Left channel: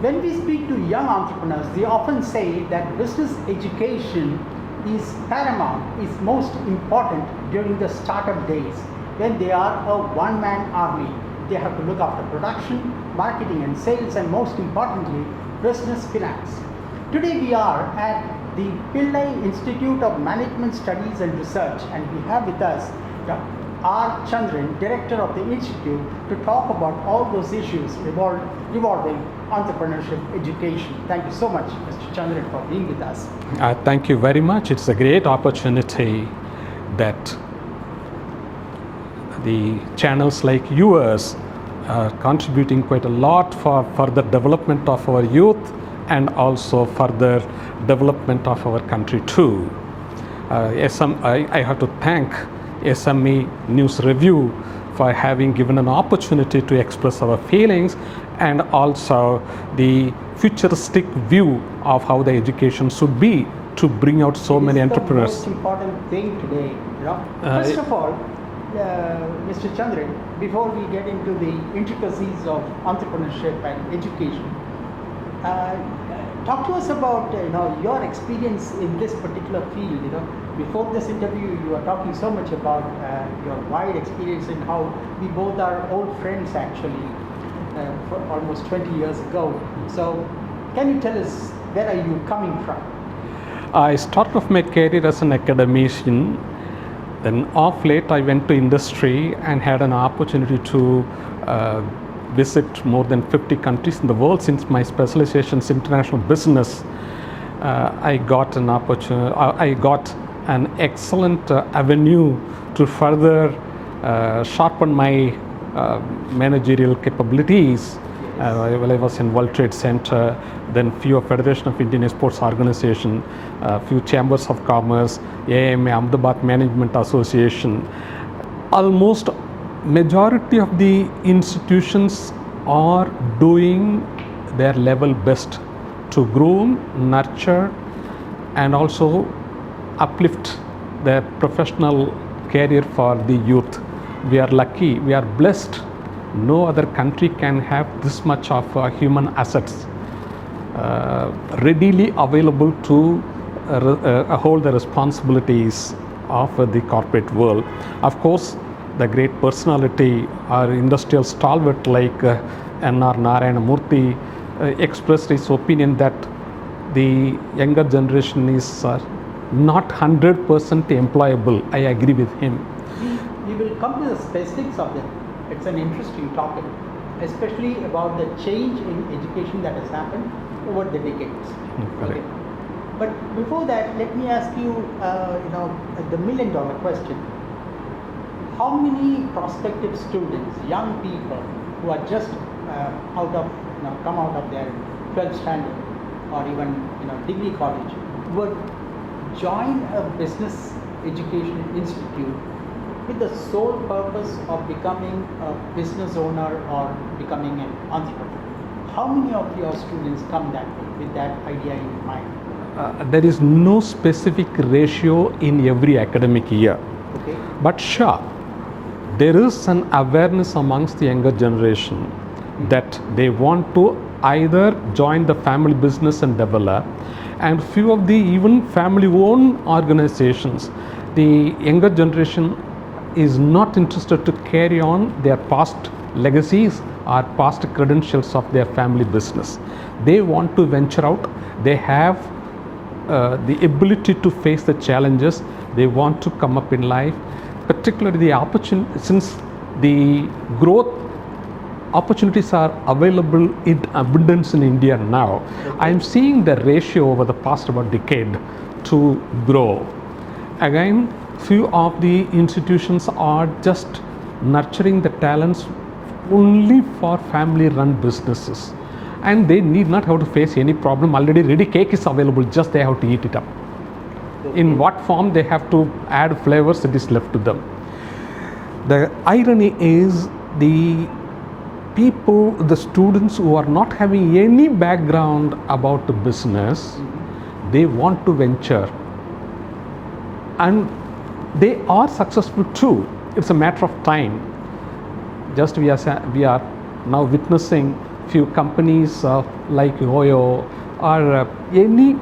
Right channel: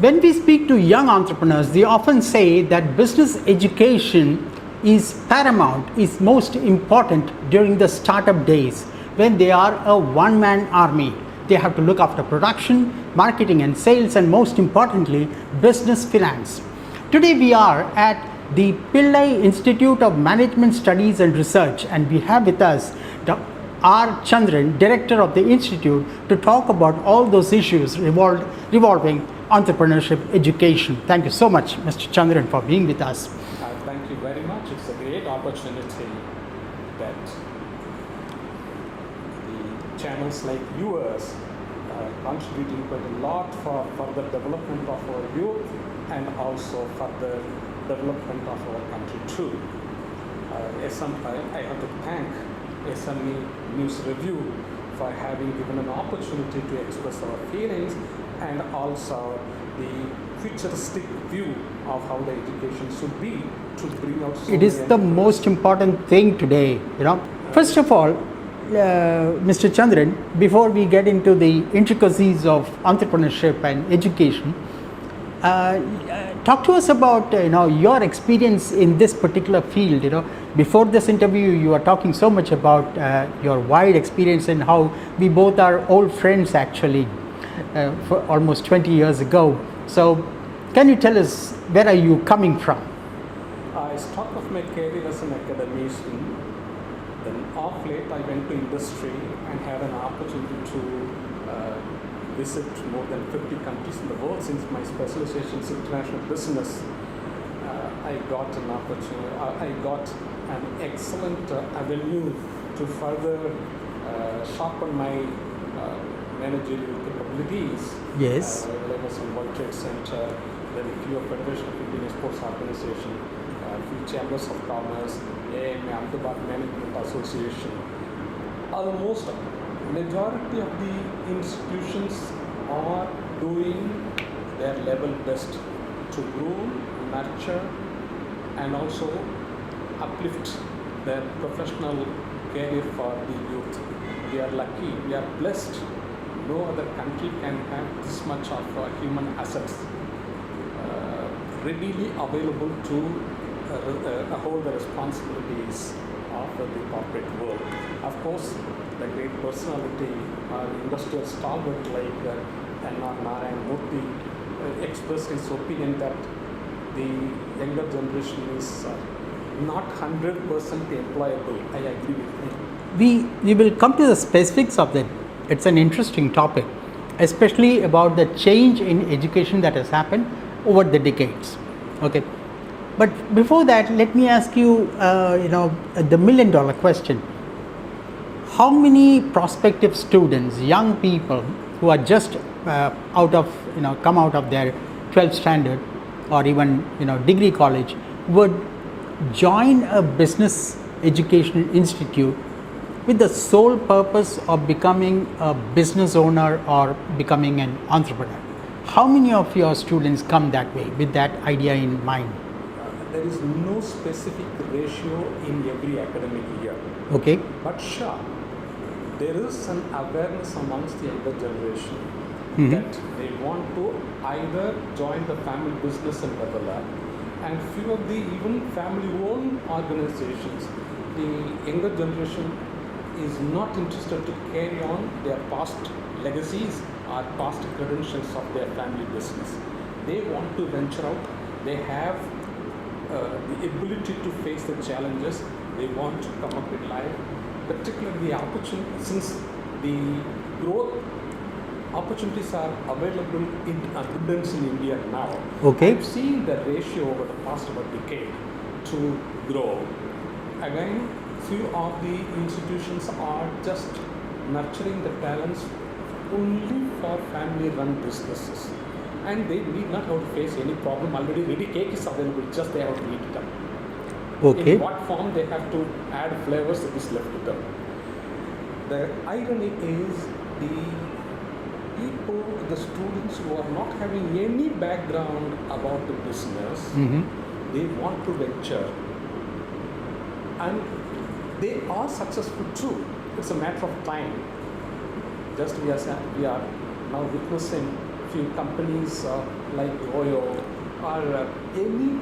When we speak to young entrepreneurs, they often say that business education is paramount, is most important during the startup days when they are a one-man army. They have to look after production, marketing and sales, and most importantly, business finance. Today we are at the Pillai Institute of Management Studies and Research, and we have with us Dr R Chandran, Director of the Institute, to talk about all those issues revolving entrepreneurship education. Thank you so much, Mr. Chandran, for being with us. Thank you very much. It's a great opportunity that the channels like yours are contributing quite a lot for the development of our youth and also further development of our country too. I have to thank SME News Review for having given an opportunity to express our feelings and also the futuristic view of how the education should be to bring out so many entrepreneurs. It is the most important thing today, you know. First of all, Mr. Chandran, before we get into the intricacies of entrepreneurship and education, talk to us about your experience in this particular field. Before this interview, you are talking so much about your wide experience and how we both are old friends actually. For almost 20 years ago. So can you tell us, where are you coming from? I started off my career as an academician. Then off late I went to industry and had an opportunity to visit more than 50 countries in the world. Since my specialization is international business, I got an opportunity, I got an excellent avenue to further sharpen my managerial capabilities. Yes. While I was in World Trade Center, then few Federation of Indian Sports Organization, few chambers of commerce, AMA, Ahmedabad Management Association. Almost majority of the institutions are doing their level best to groom, nurture, and also uplift their professional career for the youth. We are lucky, we are blessed. No other country can have this much of human assets readily available to hold the responsibilities of the corporate world. Of course, the great personality, our industrial stalwart like N.R. Narayana Murthy expressed his opinion that the younger generation is not 100% employable. I agree with him. We will come to the specifics of that. It's an interesting topic, especially about the change in education that has happened over the decades. Okay, but before that, let me ask you, the million-dollar question. How many prospective students, young people who are just come out of their 12th standard or even degree college would join a business educational institute with the sole purpose of becoming a business owner or becoming an entrepreneur? How many of your students come that way with that idea in mind? There is no specific ratio in every academic year. Okay. But sure, there is an awareness amongst the younger generation that they want to either join the family business and develop, and few of the even family-owned organizations, the younger generation is not interested to carry on their past legacies or past credentials of their family business. They want to venture out. They have the ability to face the challenges. They want to come up in life, particularly the opportunity, since the growth opportunities are available in abundance in India now. Okay. I'm seeing the ratio over the past about decade to grow. Again, few of the institutions are just nurturing the talents only for family-run businesses, and they need not have to face any problem. Already ready cake is available, just they have to eat it up. Okay. In what form they have to add flavors, it is left to them. The irony is the people, the students who are not having any background about the business, they want to venture, and they are successful too. It's a matter of time. Just we are now witnessing few companies like Oyo or any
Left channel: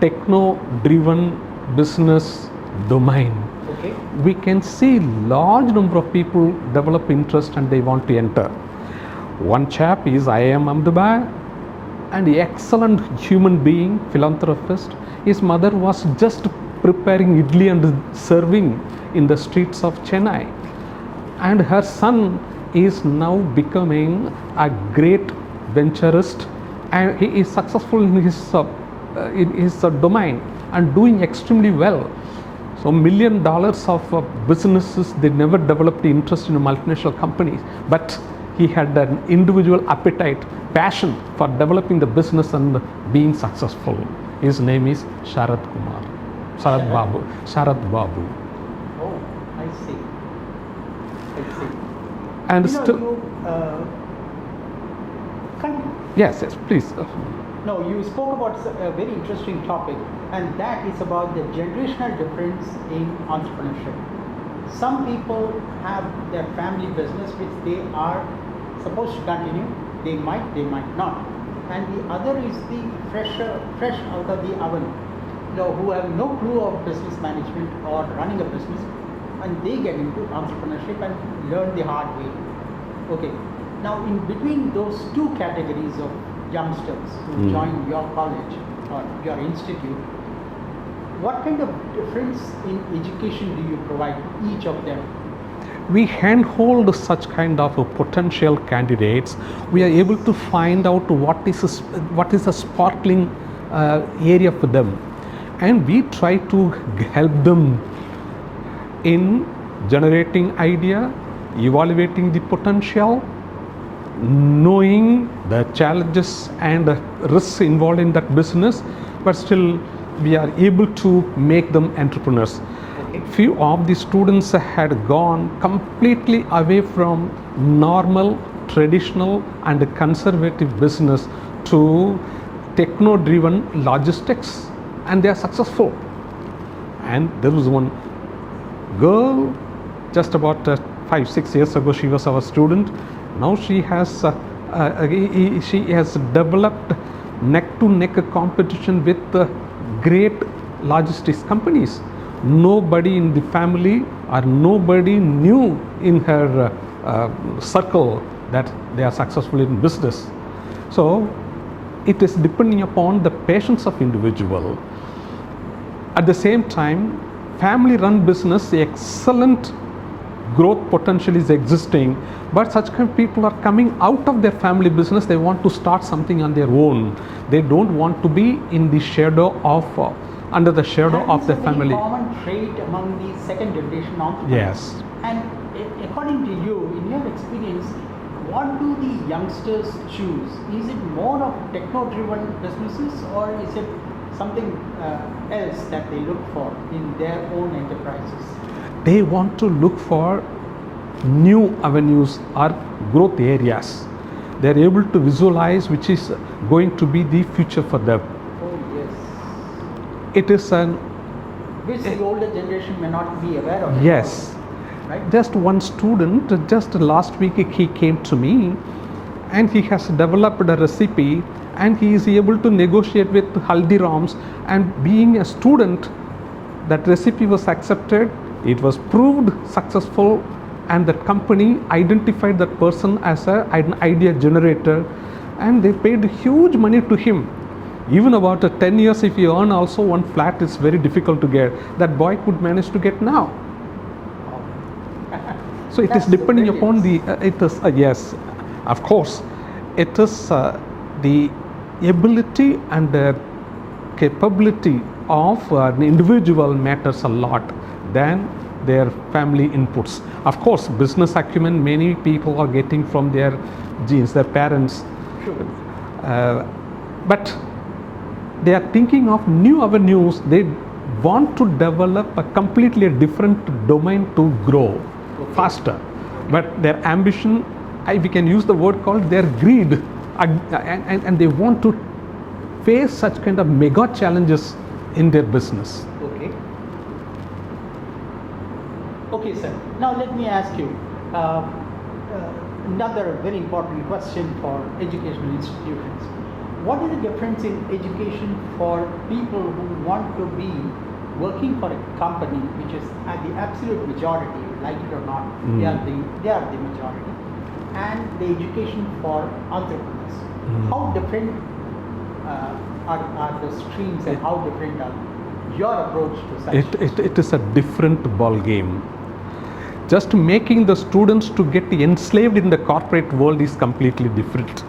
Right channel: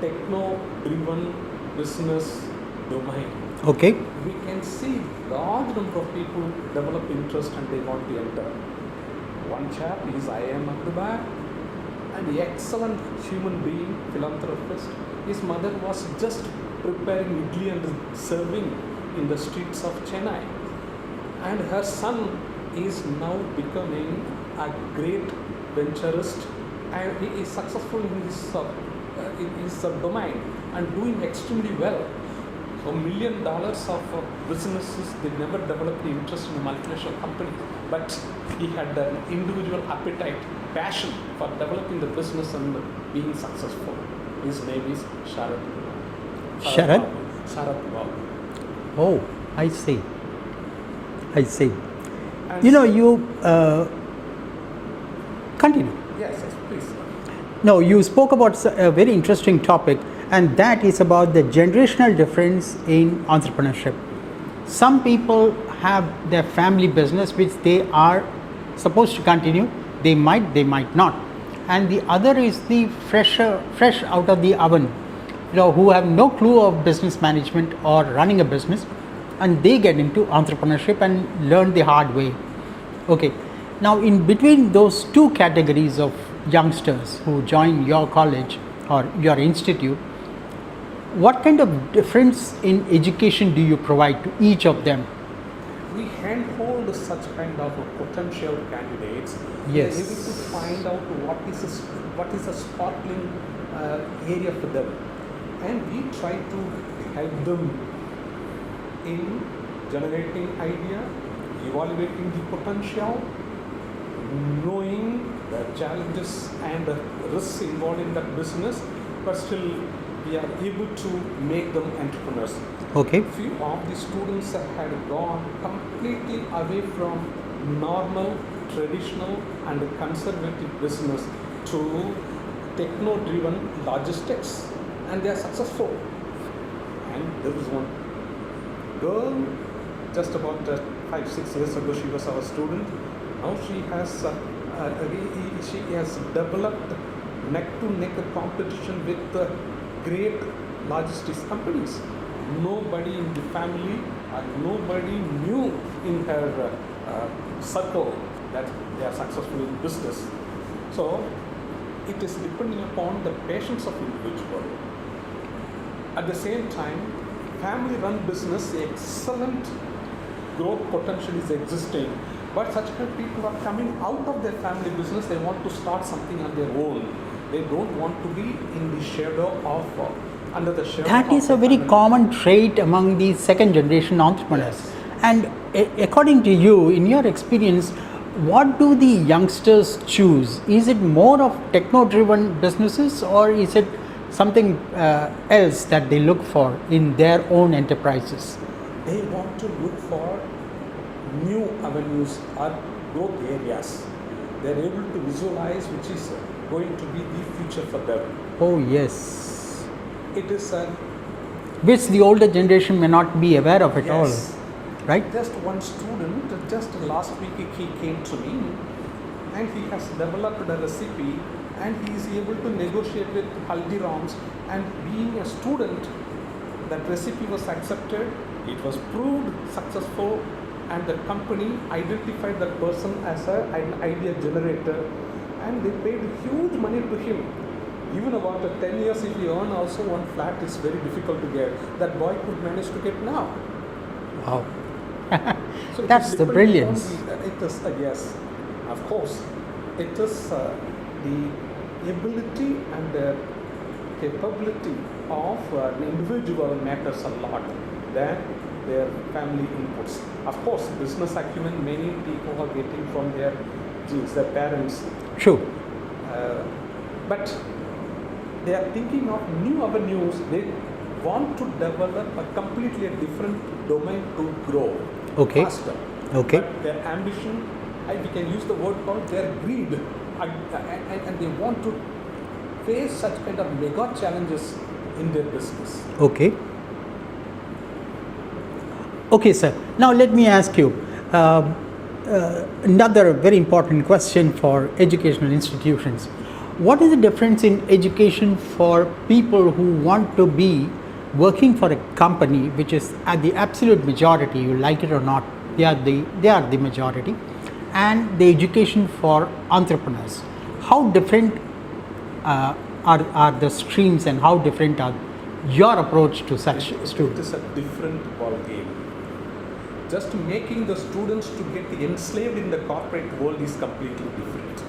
techno-driven business domain, Okay. we can see large number of people develop interest and they want to enter. One chap is I.M. Ahmedabad, and excellent human being, philanthropist. His mother was just preparing idli and serving in the streets of Chennai, and her son is now becoming a great venturist, and he is successful in his domain and doing extremely well. So $1 million of businesses, they never developed the interest in a multinational company, but he had an individual appetite, passion for developing the business and being successful. His name is Sharad Kumar. Sharad Babu. Oh, I see. I see. And continue. Yes, please. No, you spoke about a very interesting topic, and that is about the generational difference in entrepreneurship. Some people have their family business which they are supposed to continue. They might not. And the other is the fresh out of the oven, who have no clue of business management or running a business, and they get into entrepreneurship and learn the hard way. Okay. Now, in between those two categories of youngsters who join your college or your institute, what kind of difference in education do you provide to each of them? We handhold such kind of potential candidates. We are able to find out what is a sparkling area for them, and we try to help them in generating idea, evaluating the potential, knowing the challenges and risks involved in that business, but still we are able to make them entrepreneurs. Okay. Few of the students had gone completely away from normal, traditional and conservative business to techno-driven logistics, and they are successful. And there was one girl just about 5-6 years ago, she was our student. Now she has developed neck-to-neck competition with great logistics companies. Nobody in the family or nobody knew in her circle that they are successful in business. So it is depending upon the patience of individual. At the same time, family-run business, the excellent growth potential is existing, but such kind of people are coming out of their family business. They want to start something on their own. They don't want to be in the shadow of under the shadow that of is the a very family. common trait among the second generation entrepreneurs. Yes. And according to you, in your experience, what do the youngsters choose? Is it more of techno-driven businesses, or is it something else that they look for in their own enterprises? They want to look for new avenues or growth areas. They're able to visualize which is going to be the future for them. Oh yes. It is an Which the older generation may not be aware of at yes. all. Right? Just one student, just last week he came to me and he has developed a recipe and he is able to negotiate with Haldirams, and being a student, that recipe was accepted, it was proved successful, and the company identified that person as an idea generator, and they paid huge money to him. Even about 10 years, if you earn also one flat, it's very difficult to get. That boy could manage to get now. Oh. So it That's is the depending upon brilliance. it is yes, of course, it is the ability and the capability of an individual matters a lot than their family inputs. Of course, business acumen many people are getting from their genes, their parents. True. But they are thinking of new avenues. They want to develop a completely different domain to grow faster. Okay. But their ambition, we can use the word called their greed, and they want to face such kind of mega challenges in their business. Okay. Okay, sir. Now let me ask you, another very important question for educational institutions. What is the difference in education for people who want to be working for a company which is at the absolute majority, you like it or not, they are the majority, and the education for entrepreneurs? How different are the streams, and how different are your approach to such? It is a different ball game. Just making the students to get enslaved in the corporate world is completely different.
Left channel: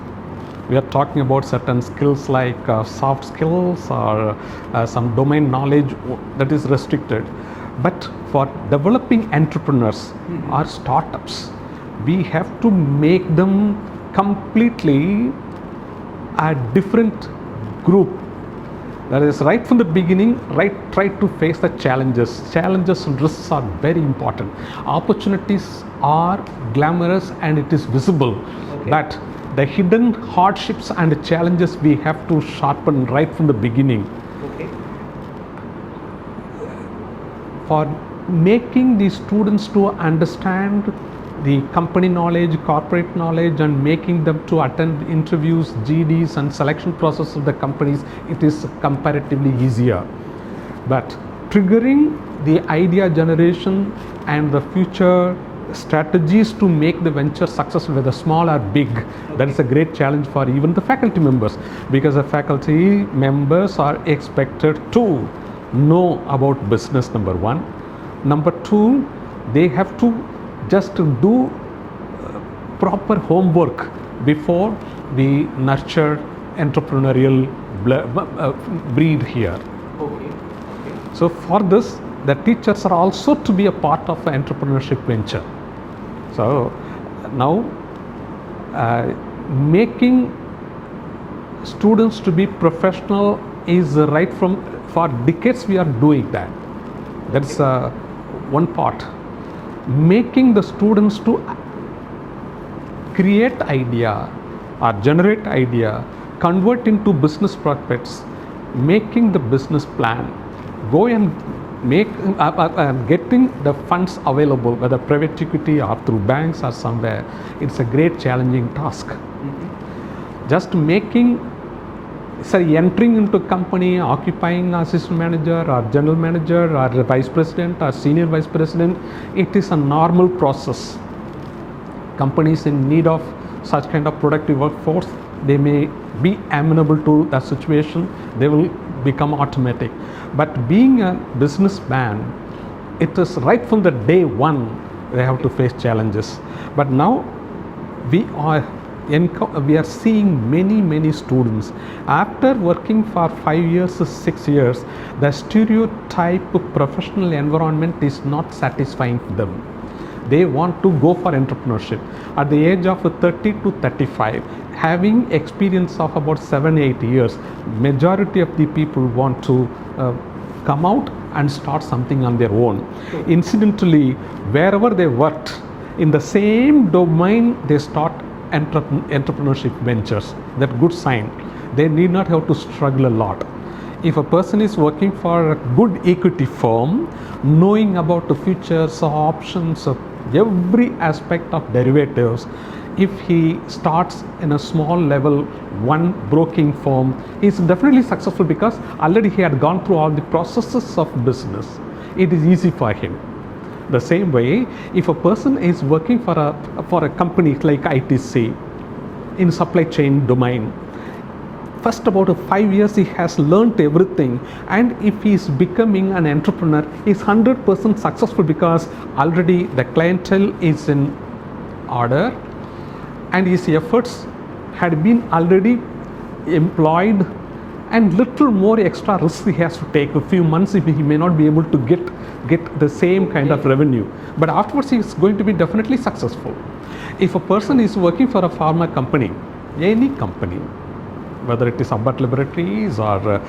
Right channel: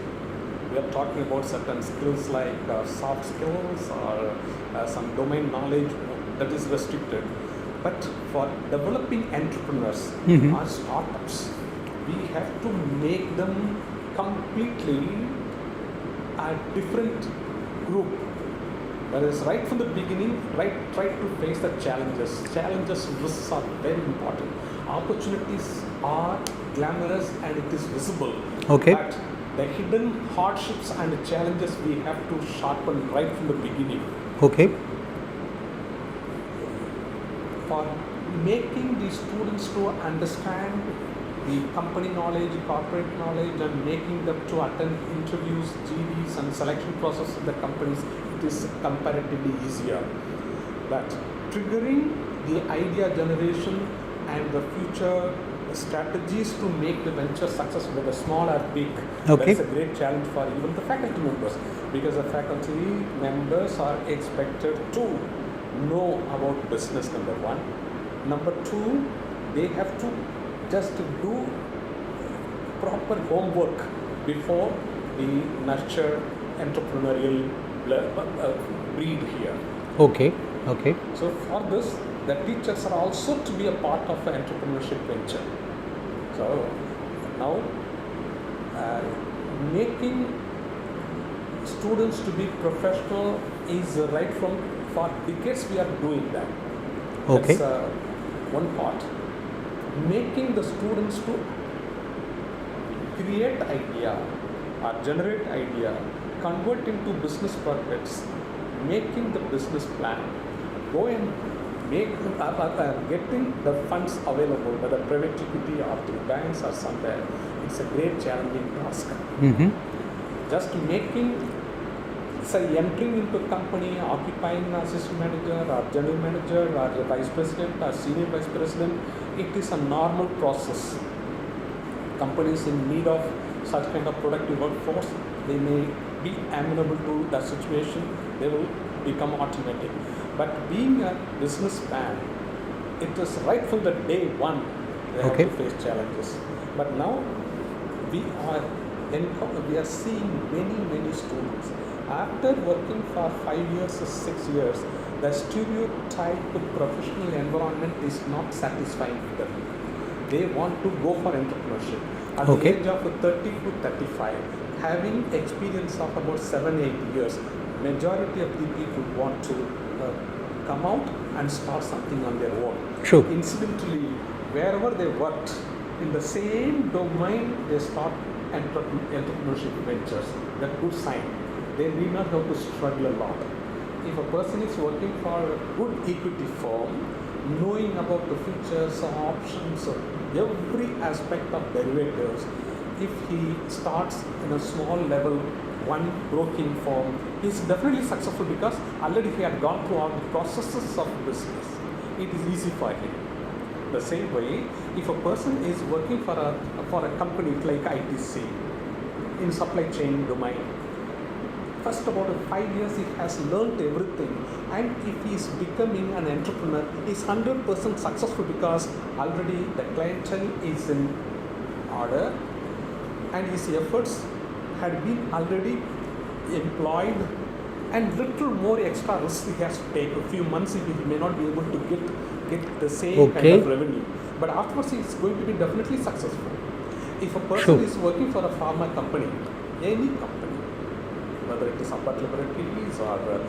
We are talking about certain skills like soft skills or some domain knowledge that is restricted. But for developing entrepreneurs or startups, we have to make them completely a different group. That is, right from the beginning, try to face the challenges. Challenges and risks are very important. Opportunities are glamorous and it is visible. Okay. But the hidden hardships and challenges we have to sharpen right from the beginning. Okay. For making the students to understand the company knowledge, corporate knowledge, and making them to attend interviews, GDs, and selection process of the companies, it is comparatively easier. But triggering the idea generation and the future strategies to make the venture successful, whether small or big, that is a great challenge for even the faculty members, because the faculty members are expected to know about business, number one. Number two, they have to just do proper homework before we nurture entrepreneurial breed here. Okay. So for this, the teachers are also to be a part of an entrepreneurship venture. So now making students to be professional is right from, for decades we are doing that. That's one part. Making the students to create idea or generate idea, convert into business prospects, making the business plan, go and make getting the funds available, whether private equity or through banks or somewhere, it's a great challenging task. Just making, entering into company, occupying assistant manager or general manager or vice president or senior vice president, it is a normal process. Companies in need of such kind of productive workforce, they may be amenable to that situation, they will become automatic. But being a businessman, it is right from the day one, they have to face challenges. But now we are seeing many students, after working for 5 years to 6 years, the stereotype professional environment is not satisfying them. They want to go for entrepreneurship. At the age of 30 to 35, having experience of about 7-8 years, majority of the people want to come out and start something on their own. Sure. Incidentally, wherever they worked, in the same domain, they start entrepreneurship ventures. That's good sign. They need not have to struggle a lot. If a person is working for a good equity firm, knowing about the futures, options, every aspect of derivatives, if he starts in a small level, one broking firm, is definitely successful because already he had gone through all the processes of business. It is easy for him. The same way, if a person is working for a company like ITC in supply chain domain, first about 5 years he has learnt everything, and if he is becoming an entrepreneur, he is 100% successful because already the clientele is in order and his efforts had been already employed, and little more extra risk he has to take. A few months he may not be able to get the same kind of revenue, but afterwards he is going to be definitely successful. If a person is working for a pharma company, any company, whether it is Ambat Laboratories or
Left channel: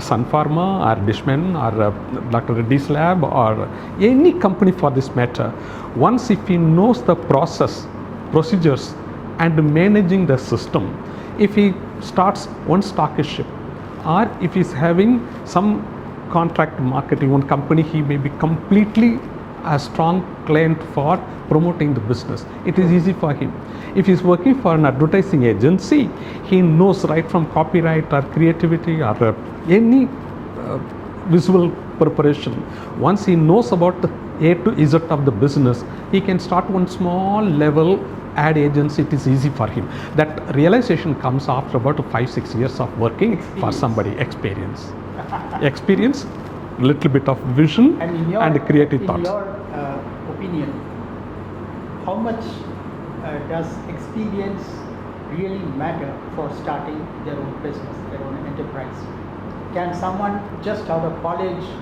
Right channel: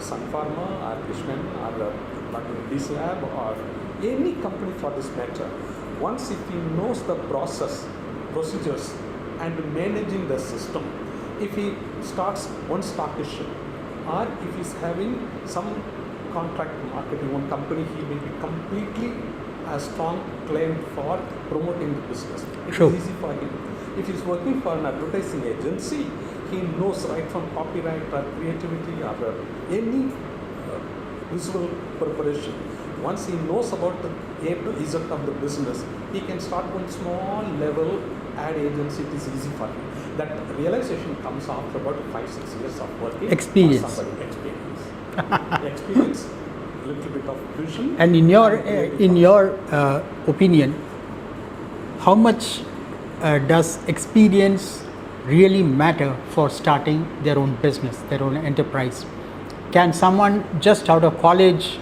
Sun Pharma or Dishman or Dr. Reddy's Lab or any company for this matter, once if he knows the process, procedures and managing the system, if he starts one stockership or if he is having some contract marketing one company, he may be completely a strong client for promoting the business. It True. is easy for him. If he's working for an advertising agency, he knows right from copyright or creativity or any visual preparation. Once he knows about the A to Z of the business, he can start one small level ad agency. It is easy for him. That realization comes after about 5-6 years of working Experience. for somebody. Experience, little bit of vision And in your creative in thoughts. your opinion, how much does experience really matter for starting their own business, their own enterprise? Can someone just out of college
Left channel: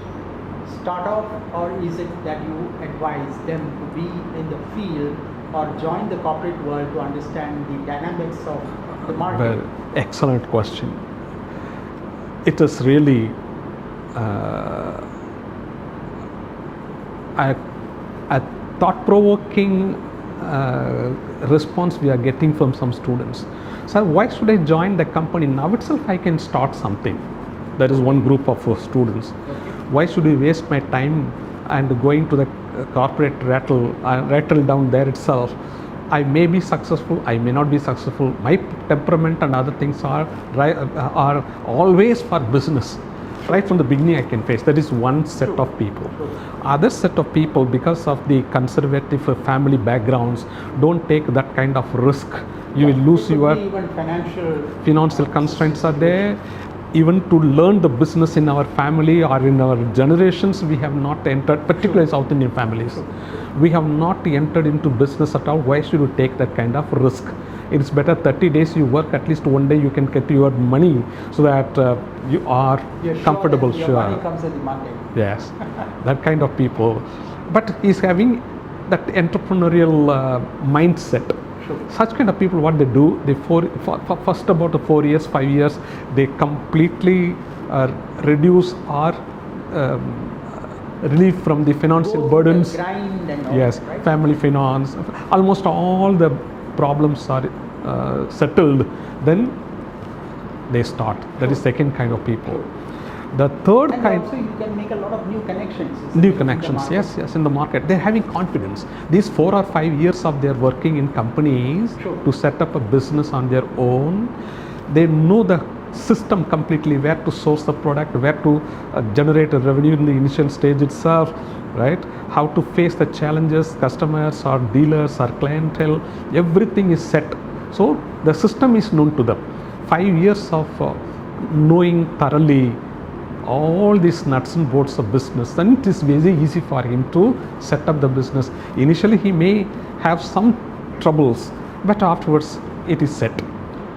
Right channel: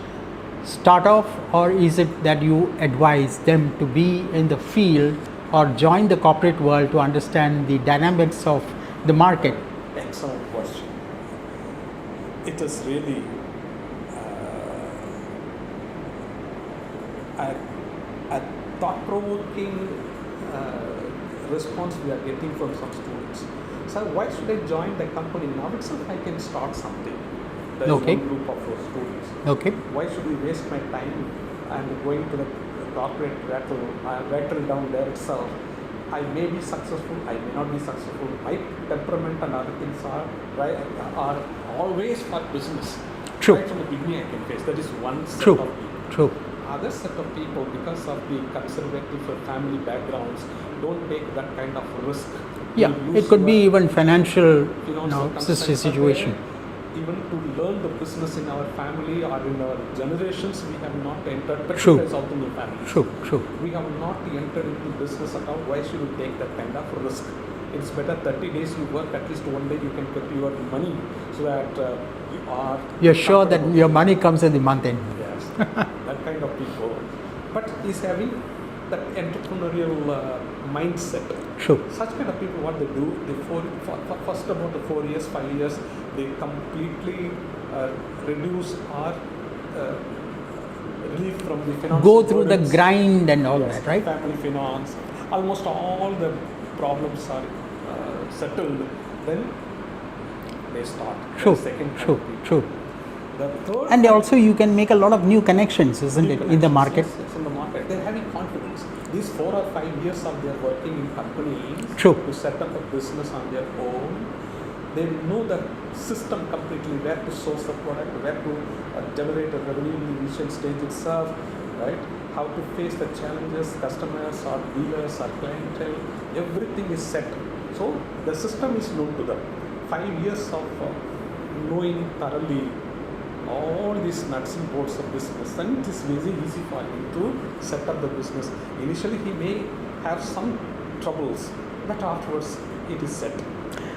start off, or is it that you advise them to be in the field or join the corporate world to understand the dynamics of the market? Well, excellent question. It is really a thought-provoking response we are getting from some students. Sir, why should I join the company? Now itself I can start something. That is Okay. one group of students. Okay. Why should we waste my time and going to the corporate rattle down there itself? I may be successful, I may not be successful. My temperament and other things are always for business. True. Right from the beginning I can face. That is one set True. of people. True. Other set of people, because of the conservative family backgrounds, don't take that kind of risk. You Yeah, will lose it could your be even financial constraints are situation. there. Even to learn the business in our family or in our generations, we have not entered, particularly South Indian families. True, true. We have not entered into business at all. Why should you take that kind of risk? It's better 30 days you work, at least one day you can get your money so that you are You're sure that comfortable. your Sure. money comes at the month end. Yes, that kind of people. But he's having that entrepreneurial mindset. Sure. Such kind of people, what they do, they for first about 4 years, 5 years, they completely reduce or relieve from the financial Go through burdens. the grind and all Yes, that, right? family finance, almost all the problems are settled. Then they start. That True, is second kind true, of people. true. The third And kind, also you can make a lot of new connections, isn't new it, in the connections. market? Yes, in the market. They're having confidence. These 4 or 5 years of their working in companies True. to set up a business on their own, they know the system completely, where to source the product, where to generate a revenue in the initial stage itself, right? How to face the challenges, customers or dealers or clientele, everything is set. So the system is known to them. 5 years of knowing thoroughly all these nuts and bolts of business, then it is very easy for him to set up the business. Initially he may have some troubles, but afterwards it is set.